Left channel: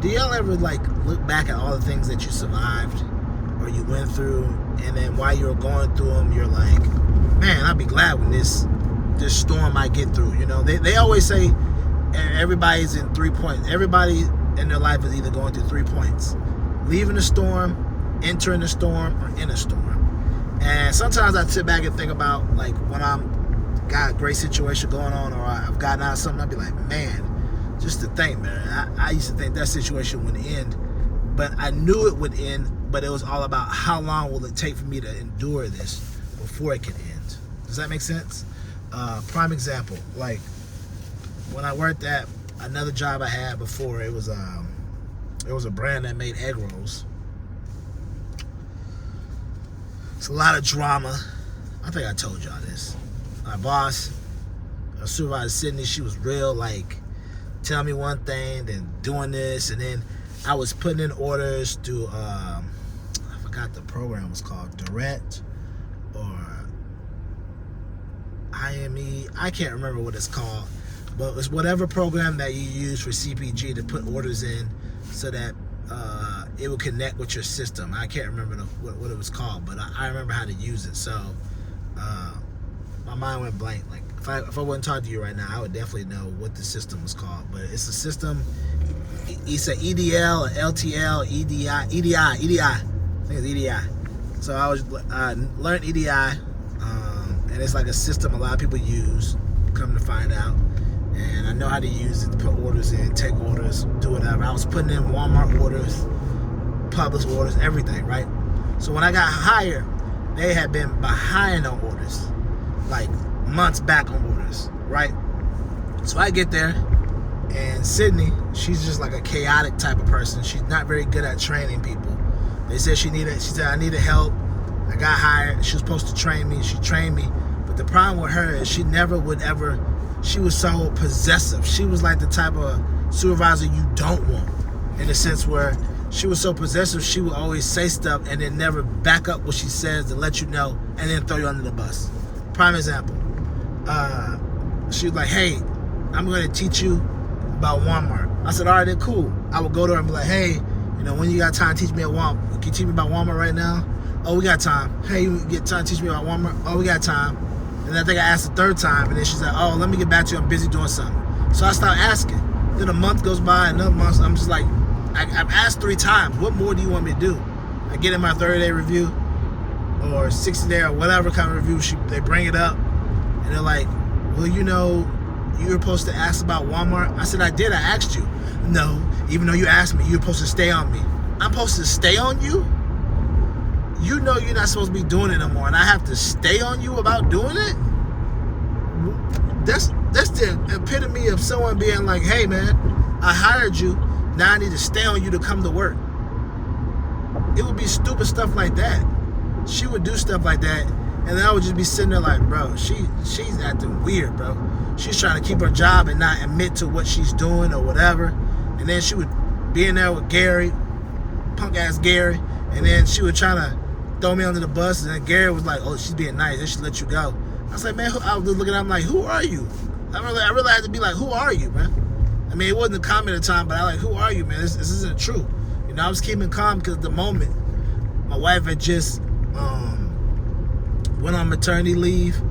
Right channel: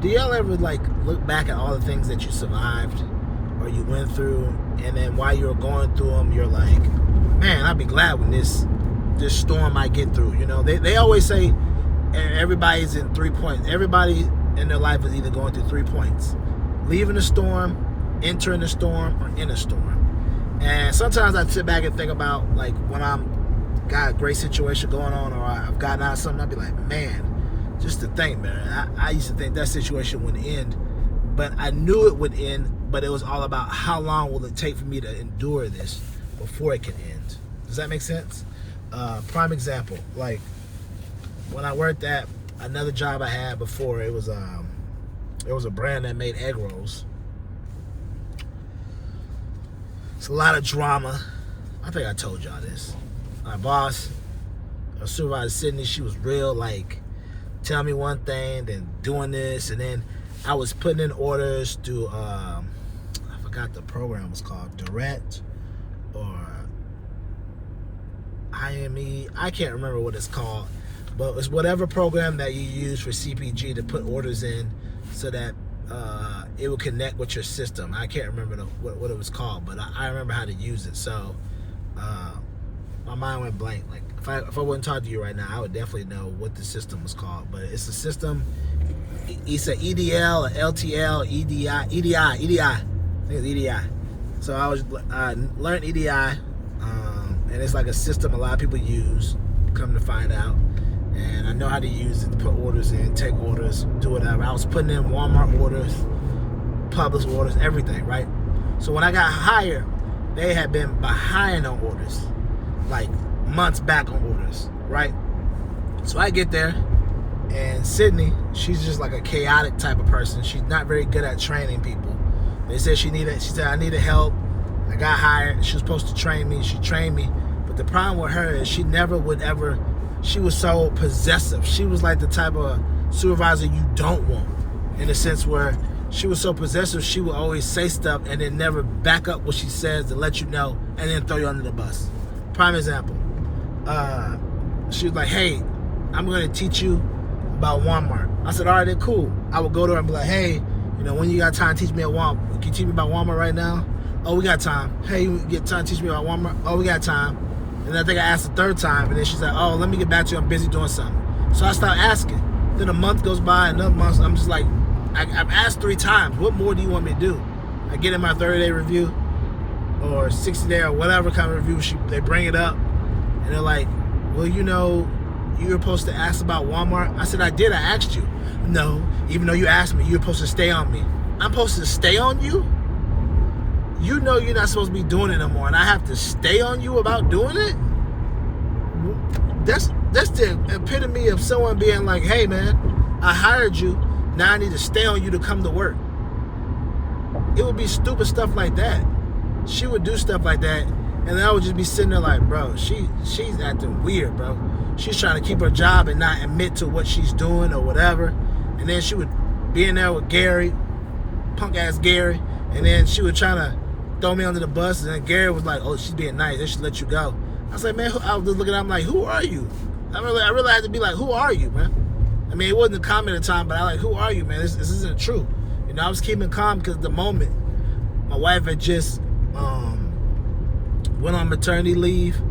do y'all ever like look back at all the things that you survived or you went through, and then while you were going through them, you're like, man, I'll be glad when this storm I get through. You know, they always say everybody's in 3 points. Everybody in their life is either going through 3 points: leaving a storm, entering a storm, or in a storm. And sometimes I sit back and think about like when I'm got a great situation going on, or I've gotten out of something, I'd be like, man, just to think, man, I used to think that situation would end, but I knew it would end, but it was all about how long will it take for me to endure this before it can end. Does that make sense? Prime example, like when I worked at another job I had before, it was a brand that made egg rolls. It's a lot of drama. I think I told y'all this. My boss, Supervisor Sydney, she was real, like, tell me one thing, then doing this, and then I was putting in orders to, I forgot the program was called, Direct, or IME, I can't remember what it's called, but it's whatever program that you use for CPG to put orders in so that it will connect with your system. I can't remember what it was called, but I remember how to use it. So my mind went blank. Like if I wouldn't talk to you right now, I would definitely know what the system was called. But it's a system. It's an EDL, a LTL, EDI. I think it's EDI. So I learned EDI, and it's like a system a lot of people use. Come to find out, and I know how to use it to put orders in, take orders, do whatever. I was putting in Walmart orders, Publix orders, everything, right? So when I got hired, they had been behind on orders, like months back on orders, right? So I get there, and Sydney, she's just like a chaotic type of person. She's not very good at training people. They said she said, I needed help. I got hired. She was supposed to train me. She trained me. But the problem with her is she never would ever, she was so possessive. She was like the type of supervisor you don't want, in the sense where she was so possessive, she would always say stuff and then never back up what she says to let you know and then throw you under the bus. Prime example. She was like, hey, I'm going to teach you about Walmart. I said, all right, then cool. I would go to her and be like, hey, you know, when you got time to teach me at Walmart, can you teach me about Walmart right now? Oh, we got time. Hey, you get time to teach me about Walmart? Oh, we got time. And I think I asked the third time, and then she's like, oh, let me get back to you. I'm busy doing something. So I start asking. Then a month goes by, another month, I'm just like, I've asked 3 times. What more do you want me to do? I get in my 30-day review or 60-day or whatever kind of review. They bring it up, and they're like, well, you know, you were supposed to ask about Walmart. I said, I did. I asked you. No, even though you asked me, you're supposed to stay on me. I'm supposed to stay on you? You know you're not supposed to be doing it no more, and I have to stay on you about doing it? That's the epitome of someone being like, hey, man, I hired you. Now I need to stay on you to come to work. It would be stupid stuff like that. She would do stuff like that, and then I would just be sitting there like, bro, she's acting weird, bro. She's trying to keep her job and not admit to what she's doing or whatever. And then she would be in there with Gary, punk ass Gary, and then she would try to throw me under the bus, and then Gary was like, oh, she's being nice, they should let you go. I was like, man, I was looking at him like, who are you? I really had to be like, who are you, man? I mean, it wasn't a comment at the time, but I like, who are you, man? This isn't true. You know, I was keeping calm because the moment my wife had just went on maternity leave, you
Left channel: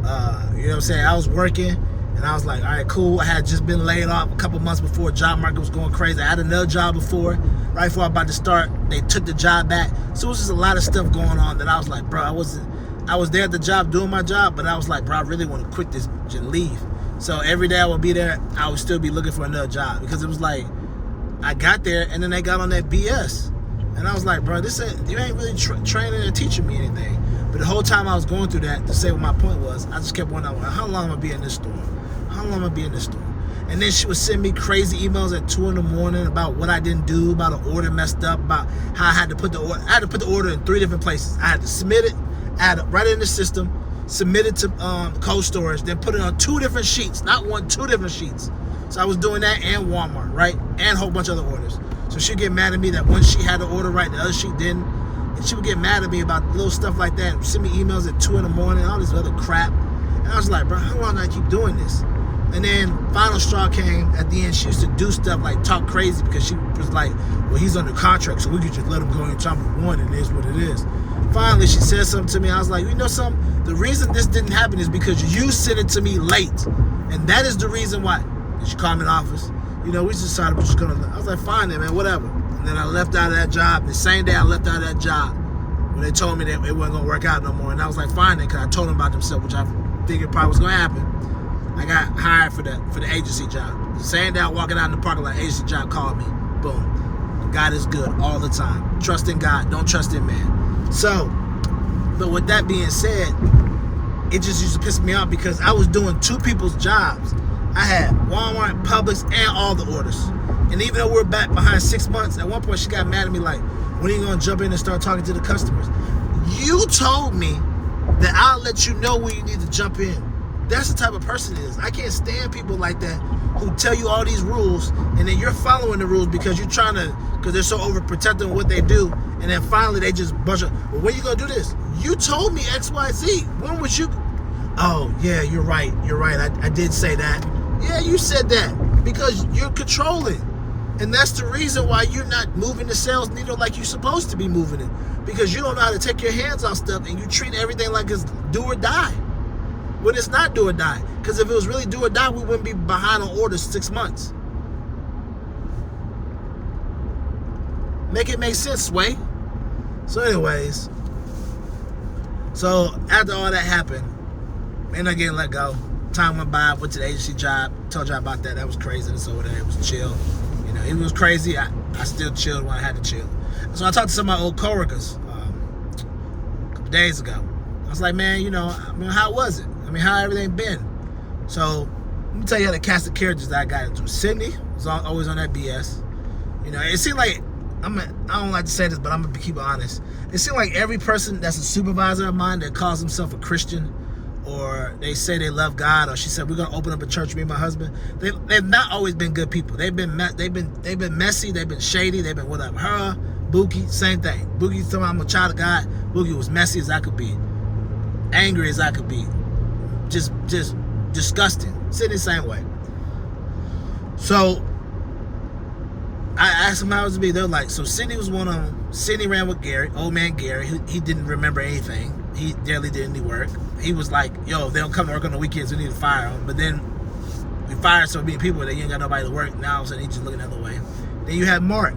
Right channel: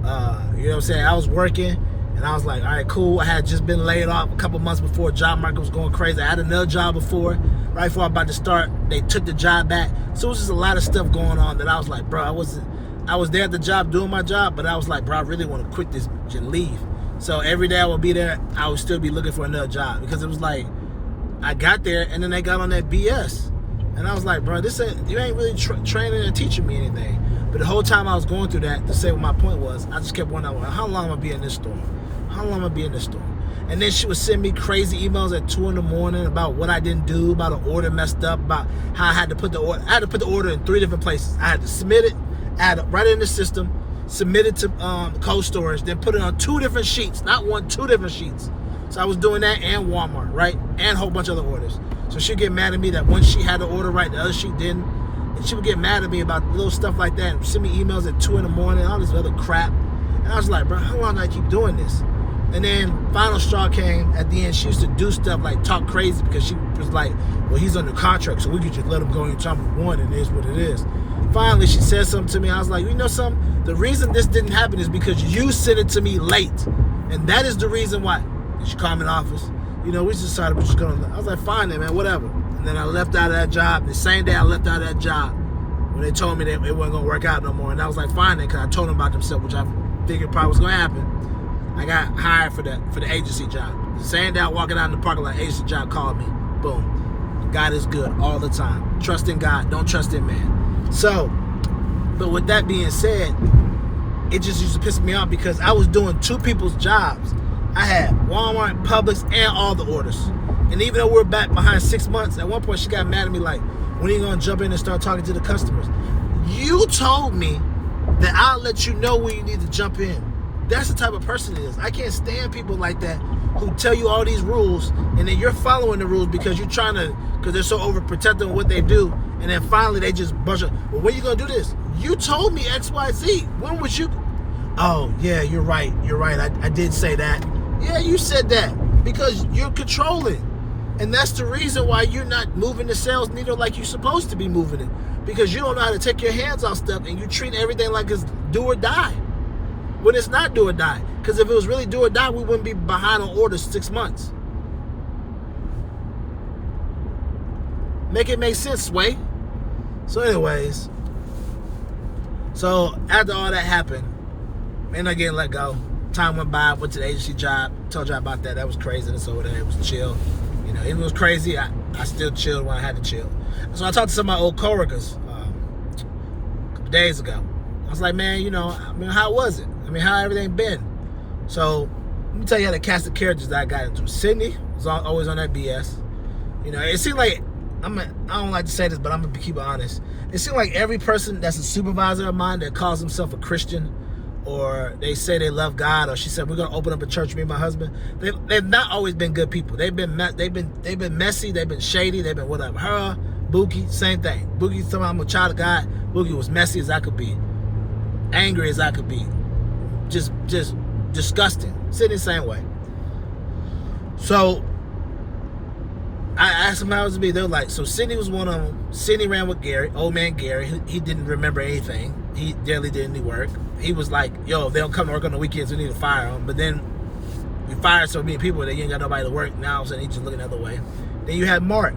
know what I'm saying? I was working, and I was like, all right, cool. I had just been laid off a couple months before. Job market was going crazy. I had another job before. Right before I was about to start, they took the job back. So it was just a lot of stuff going on that I was like, bro, I was there at the job doing my job, but I was like, bro, I really want to quit this and leave. So every day I would be there, I would still be looking for another job, because it was like, I got there and then they got on that BS. And I was like, bro, you ain't really training or teaching me anything. But the whole time I was going through that, to say what my point was, I just kept wondering, how long am I going to be in this store? How long am I going to be in this store? And then she would send me crazy emails at 2 in the morning about what I didn't do, about an order messed up, about how I had to put the order. I had to put the order in 3 different places. I had to submit it, add it right in the system, submit it to cold storage, then put it on 2 different sheets, not 1, 2 different sheets. So I was doing that and Walmart, right? And a whole bunch of other orders. So she'd get mad at me that one sheet had the order right, the other sheet didn't. And she would get mad at me about little stuff like that, send me emails at 2 in the morning, all this other crap. And I was like, bro, how long do I keep doing this? And then final straw came at the end. She used to do stuff like talk crazy because she was like, well, he's under contract, so we could just let him go anytime we want, and it is what it is. Finally, she said something to me. I was like, you know something? The reason this didn't happen is because you sent it to me late. And that is the reason why. And she called me in the office. You know, we just decided we're just going to, I was like, fine then, man, whatever. And then I left out of that job. The same day I left out of that job, when they told me that it wasn't going to work out no more. And I was like, fine then, because I told them about themselves, which I figured probably was going to happen. I got hired for the agency job. The same day I walking out in the parking lot, agency job called me. Boom. God is good all the time. Trust in God, don't trust in man. So, but with that being said, it just used to piss me off because I was doing two people's jobs. I had Walmart, Publix, and all the orders. And even though we're back behind 6 months, at one point she got mad at me like, when are you going to jump in and start talking to the customers? You told me that I'll let you know when you need to jump in. That's the type of person it is. I can't stand people like that who tell you all these rules and then you're following the rules because you're trying to, because they're so overprotective of what they do. And then finally they just brush up. Well, when are you going to do this? You told me X, Y, Z. When was you? Oh, yeah, you're right. You're right. I did say that. Yeah, you said that because you're controlling. And that's the reason why you're not moving the sales needle like you're supposed to be moving it. Because you don't know how to take your hands off stuff and you treat everything like it's do or die. When it's not do or die. Because if it was really do or die, we wouldn't be behind on orders 6 months. Make it make sense, Sway. So anyways, so after all that happened, man, I getting let go. Time went by, went to the agency job, told y'all about that. That was crazy. And so it was chill. You know, it was crazy. I still chilled when I had to chill. So I talked to some of my old coworkers a couple days ago. I was like, man, you know, how was it? I mean, how everything been? So let me tell you how the cast of characters that I got into. Sydney was always on that BS. You know, it seemed like, I don't like to say this, but I'm going to keep it honest. It seemed like every person that's a supervisor of mine that calls himself a Christian, or they say they love God, or she said we're gonna open up a church, me and my husband. They've not always been good people. They've been messy. They've been shady. They've been whatever. Her, Bookie, same thing. Bookie told me I'm a child of God. Bookie was messy as I could be, angry as I could be, just disgusting. Sitting the same way. So I asked them how it was to be. They were like, so Sydney was one of them. Sydney ran with Gary, old man Gary. He didn't remember anything. He barely did any work. He was like, yo, if they don't come to work on the weekends, we need to fire them. But then we fired so many people that you ain't got nobody to work. Now all of a sudden he's just looking the other way. Then you had Mark.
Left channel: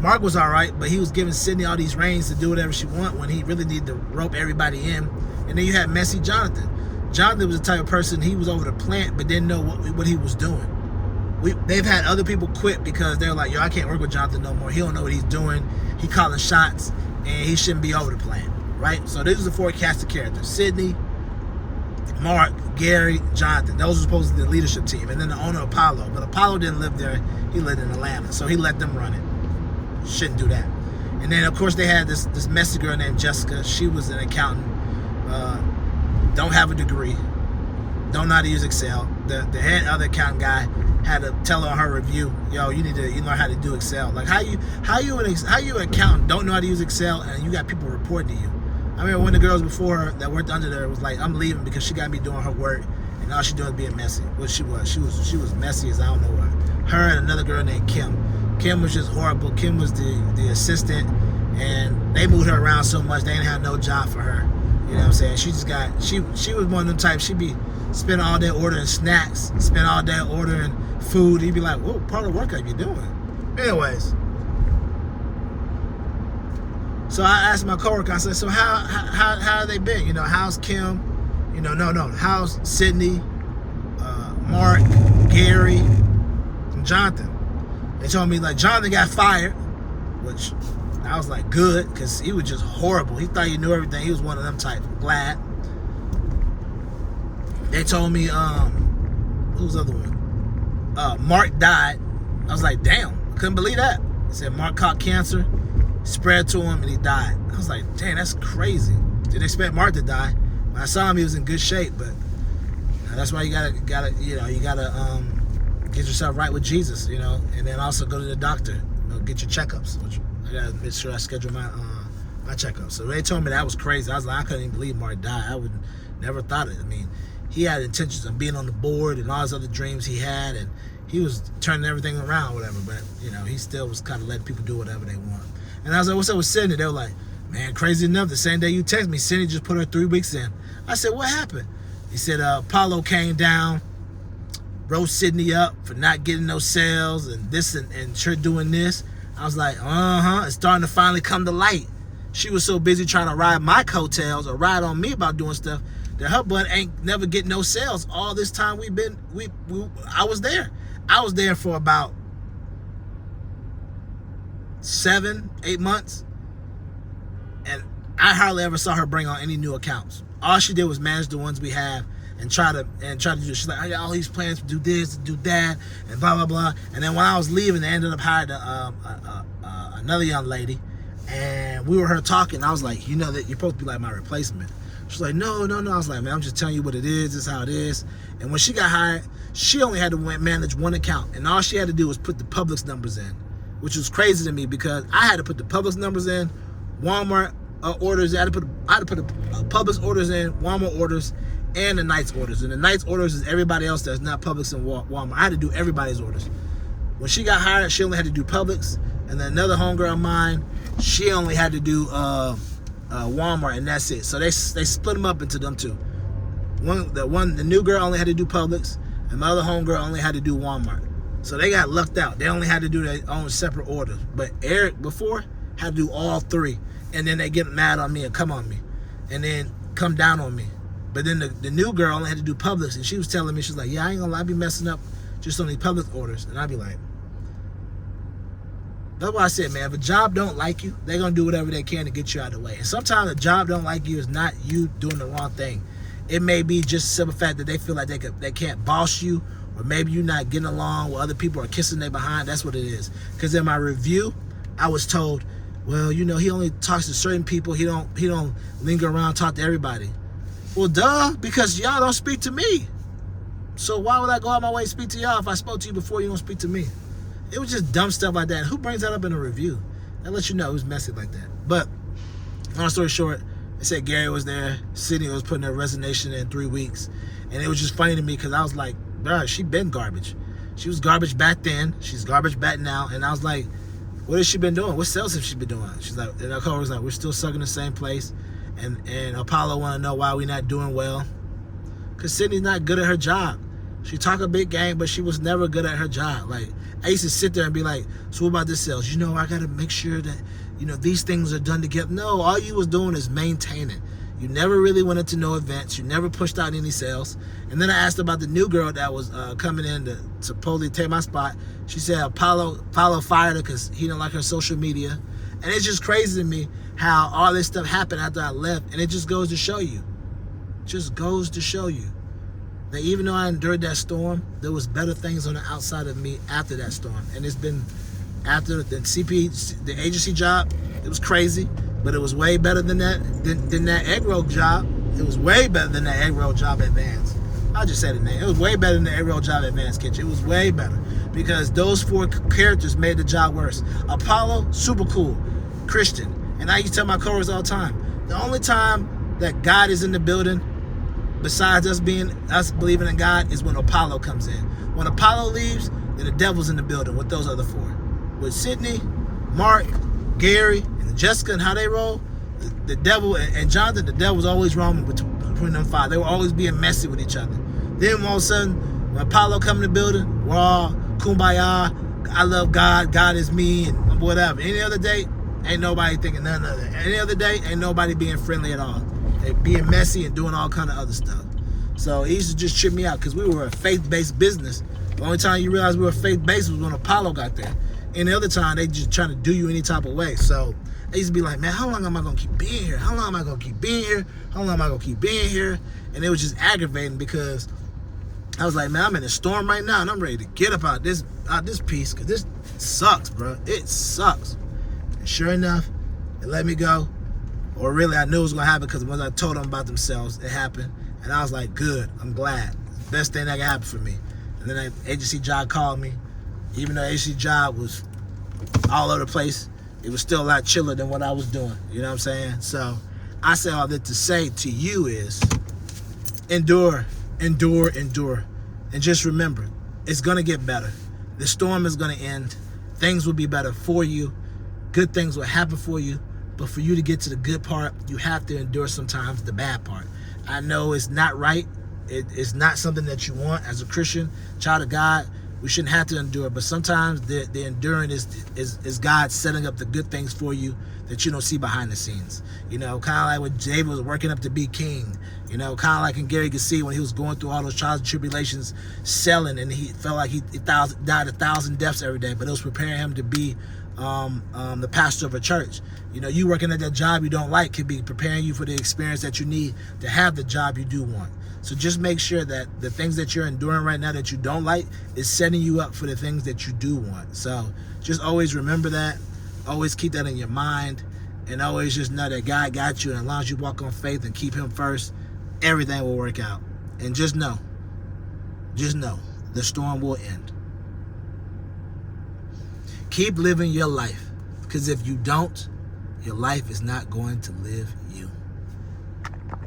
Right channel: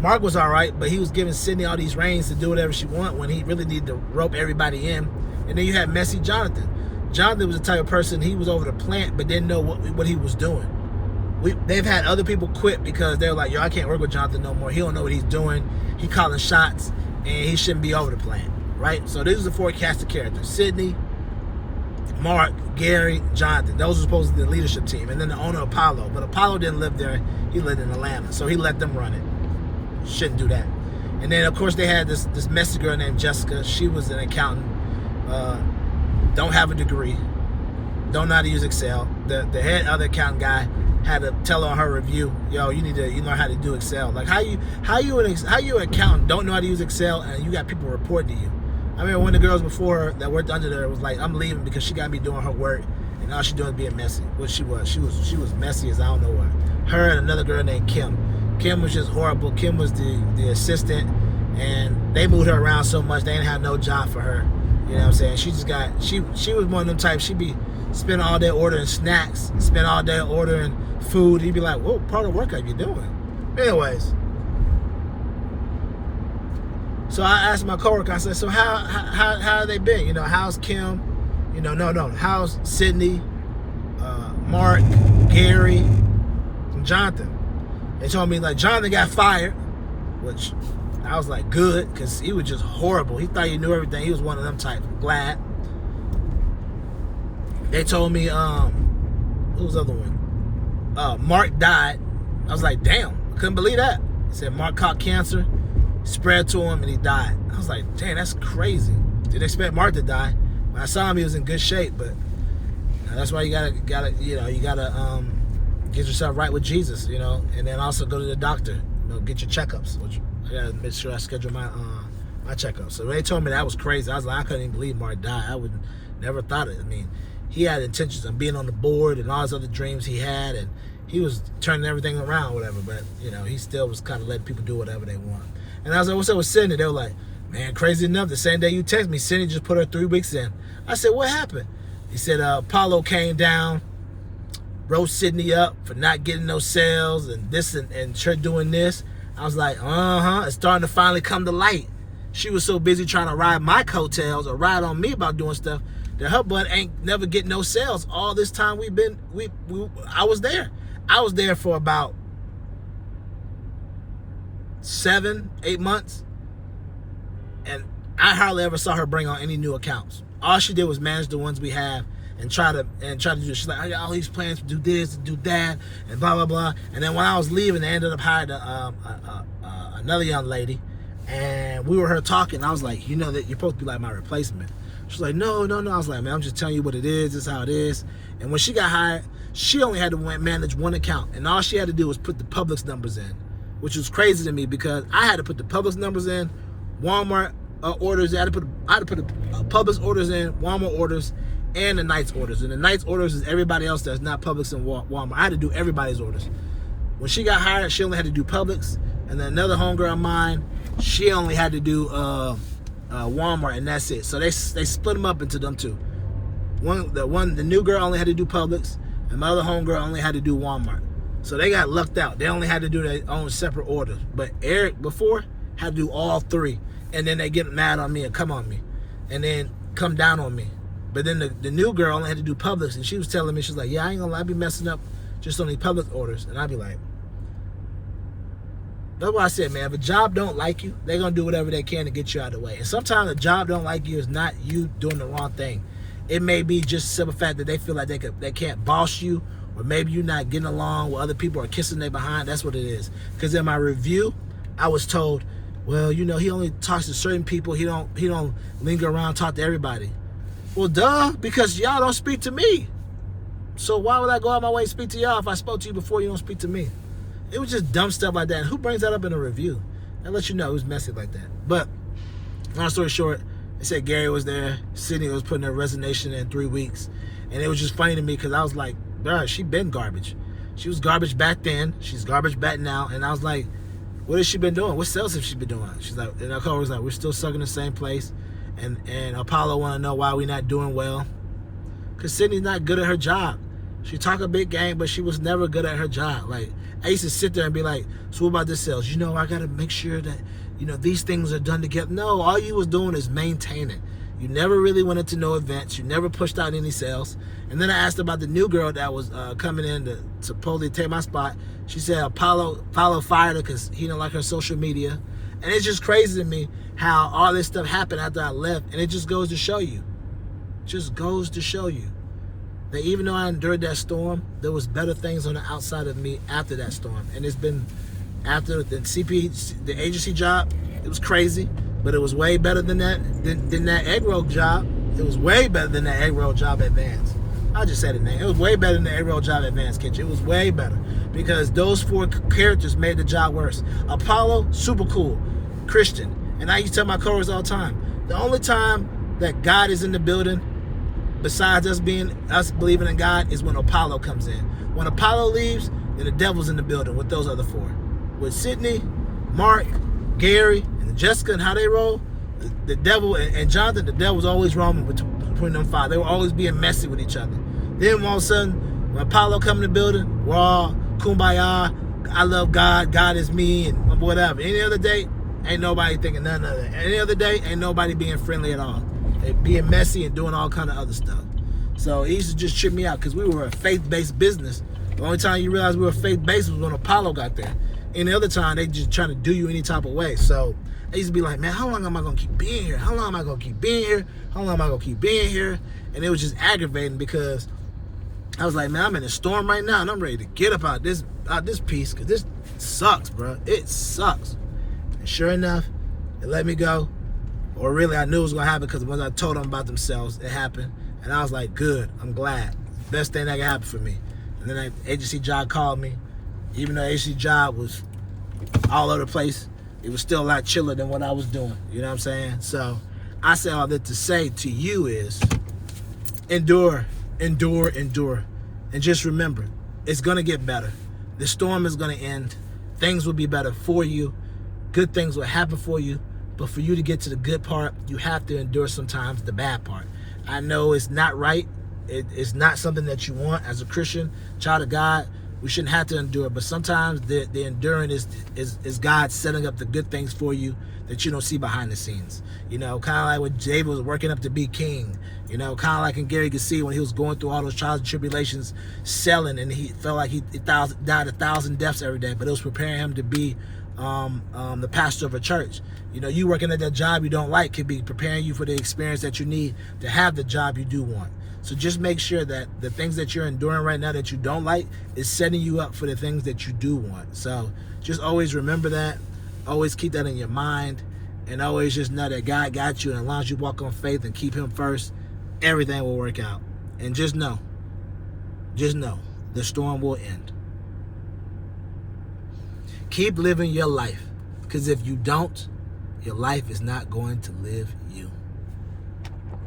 Mark was all right, but he was giving Sydney all these reins to do whatever she wanted when he really needed to rope everybody in. And then you had messy Jonathan. Jonathan was the type of person, he was over the plant but didn't know what he was doing. They've had other people quit because they're like, yo, I can't work with Jonathan no more. He don't know what he's doing. He calling shots, and he shouldn't be over the plant, right? So these are the four cast of characters. Sydney, Mark, Gary, Jonathan. Those are supposed to be the leadership team. And then the owner, Apollo. But Apollo didn't live there. He lived in Atlanta. So he let them run it. Shouldn't do that. And then, of course, they had this messy girl named Jessica. She was an accountant. Don't have a degree. Don't know how to use Excel. The head other accountant guy had to tell her on her review, yo, you need to learn how to do Excel. Like how you an accountant don't know how to use Excel and you got people reporting to you. I mean, one of the girls before her that worked under there was like, I'm leaving because she got me doing her work and all she doing is being messy. Well, she was messy as I don't know what. Her and another girl named Kim. Kim was just horrible. Kim was the assistant, and they moved her around so much they didn't have no job for her. You know what I'm saying? She just got she was one of them types. She'd be spending all day ordering snacks, spend all day ordering food. He'd be like, whoa, part of work, how you doing? Anyways, so I asked my coworker, I said, so how have they been? You know, how's Kim? You know, no, how's Sydney, Mark, Gary, and Jonathan? They told me like Jonathan got fired, which I was like, good, because he was just horrible. He thought he knew everything. He was one of them type. Glad. They told me, who was the other one? Mark died. I was like, damn, couldn't believe that. He said Mark caught cancer, spread to him, and he died. I was like, damn, that's crazy. Didn't expect Mark to die. When I saw him, he was in good shape, but that's why you gotta get yourself right with Jesus, you know, and then also go to the doctor, you know, get your checkups, which I gotta make sure I schedule my checkups. So they told me that was crazy. I was like, I couldn't even believe Mark died. I would never thought it. I mean, he had intentions of being on the board and all his other dreams he had, and he was turning everything around, whatever. But he still was kind of letting people do whatever they want. And I was like, "What's up with Cindy?" They were like, "Man, crazy enough, the same day you text me, Cindy just put her 3 weeks in." I said, "What happened?" He said, "Apollo came down, wrote Sydney up for not getting no sales and this and her doing this." I was like, it's starting to finally come to light. She was so busy trying to ride my coattails or ride on me about doing stuff that her butt ain't never get no sales. All this time I was there. I was there for about 7-8 months, and I hardly ever saw her bring on any new accounts. All she did was manage the ones we have and try to do. She's like, "I got all these plans to do this, to do that, and blah blah blah." And then when I was leaving, they ended up hiring another young lady, and we were her talking. I was like, that you're supposed to be like my replacement. She's like, no. I was like, "Man, I'm just telling you what it is. This is how it is." And when she got hired, she only had to manage one account, and all she had to do was put the Publix numbers in, which was crazy to me because I had to put the Publix numbers in, Walmart orders. I had to put the Publix orders in, Walmart orders, and the Knight's orders. And the Knight's orders is everybody else that's not Publix and Walmart. I had to do everybody's orders. When she got hired, she only had to do Publix, and then another homegirl of mine, she only had to do Walmart, and that's it. So they split them up into them two. The new girl only had to do Publix, and my other homegirl only had to do Walmart. So they got lucked out. They only had to do their own separate orders. But Eric before had to do all three, and then they get mad on me and come on me, and then come down on me. But then the new girl only had to do Publix, and she was telling me, she's like, "Yeah, I ain't gonna lie, I be messing up just on these Publix orders." And I'd be like, that's why I said, man, if a job don't like you, they're gonna do whatever they can to get you out of the way. And sometimes a job don't like you is not you doing the wrong thing. It may be just the simple fact that they feel like they can't boss you, or maybe you're not getting along with other people or kissing their behind. That's what it is. Because in my review, I was told, well, he only talks to certain people. He don't linger around and talk to everybody. Well, duh, because y'all don't speak to me. So why would I go out my way and speak to y'all if I spoke to you before you don't speak to me? It was just dumb stuff like that. Who brings that up in a review? That lets you know it was messy like that. But long story short, they said Gary was there. Sydney was putting her resignation in 3 weeks. And it was just funny to me because I was like, bruh, she been garbage. She was garbage back then. She's garbage back now. And I was like, what has she been doing? What sales has she been doing? She's like, and our coworker's like, we're still stuck in the same place. And Apollo want to know why we're not doing well. Because Sydney's not good at her job. She talk a big game, but she was never good at her job. Like, I used to sit there and be like, so what about this sales? I got to make sure that, these things are done together. No, all you was doing is maintaining. You never really went into no events. You never pushed out any sales. And then I asked about the new girl that was coming in to supposedly take my spot. She said Apollo fired her because he didn't like her social media. And it's just crazy to me how all this stuff happened after I left. And it just goes to show you. That even though I endured that storm, there was better things on the outside of me after that storm. And it's been after the agency job, it was crazy, but it was way better than that egg roll job. It was way better than that egg roll job at Vans. I'll just say the name. It was way better than the egg roll job at Vans Kitchen. It was way better because those 4 characters made the job worse. Apollo, super cool, Christian. And I used to tell my coworkers all the time, the only time that God is in the building, besides us believing in God, is when Apollo comes in. When Apollo leaves, then the devil's in the building with those other 4. With Sydney, Mark, Gary, and Jessica and how they roll, the devil and Jonathan, the devil's always roaming between them 5. They were always being messy with each other. Then all of a sudden, when Apollo come in the building, we're all kumbaya, I love God, God is me, and whatever. Any other day, ain't nobody thinking none of that. Any other day, ain't nobody being friendly at all. Being messy and doing all kind of other stuff. So it used to just trip me out because we were a faith-based business. The only time you realized we were faith-based was when Apollo got there. And the other time, they just trying to do you any type of way. So I used to be like, man, how long am I going to keep being here? How long am I going to keep being here? How long am I going to keep being here? And it was just aggravating because I was like, man, I'm in a storm right now, and I'm ready to get up out this piece because this sucks, bro. It sucks. And sure enough, it let me go. Or really, I knew it was going to happen because once I told them about themselves, it happened. And I was like, good, I'm glad. Best thing that can happen for me. And then that agency job called me. Even though the agency job was all over the place, it was still a lot chiller than what I was doing. You know what I'm saying? So I say all that to say to you is endure endure. And just remember, it's going to get better. The storm is going to end. Things will be better for you. Good things will happen for you. But for you to get to the good part, you have to endure sometimes the bad part. I know it's not right. It's not something that you want as a Christian, child of God. We shouldn't have to endure. But sometimes the enduring is God setting up the good things for you that you don't see behind the scenes. You know, kind of like when David was working up to be king. You know, kind of like in Gary could see when he was going through all those trials and tribulations, selling, and he felt like he died 1,000 deaths every day. But it was preparing him to be the pastor of a church. You know, you working at that job you don't like could be preparing you for the experience that you need to have the job you do want. So just make sure that the things that you're enduring right now that you don't like is setting you up for the things that you do want. So just always remember that. Always keep that in your mind. And always just know that God got you. And as long as you walk on faith and keep him first, everything will work out. And just know, the storm will end. Keep living your life. Because if you don't, your life is not going to live you.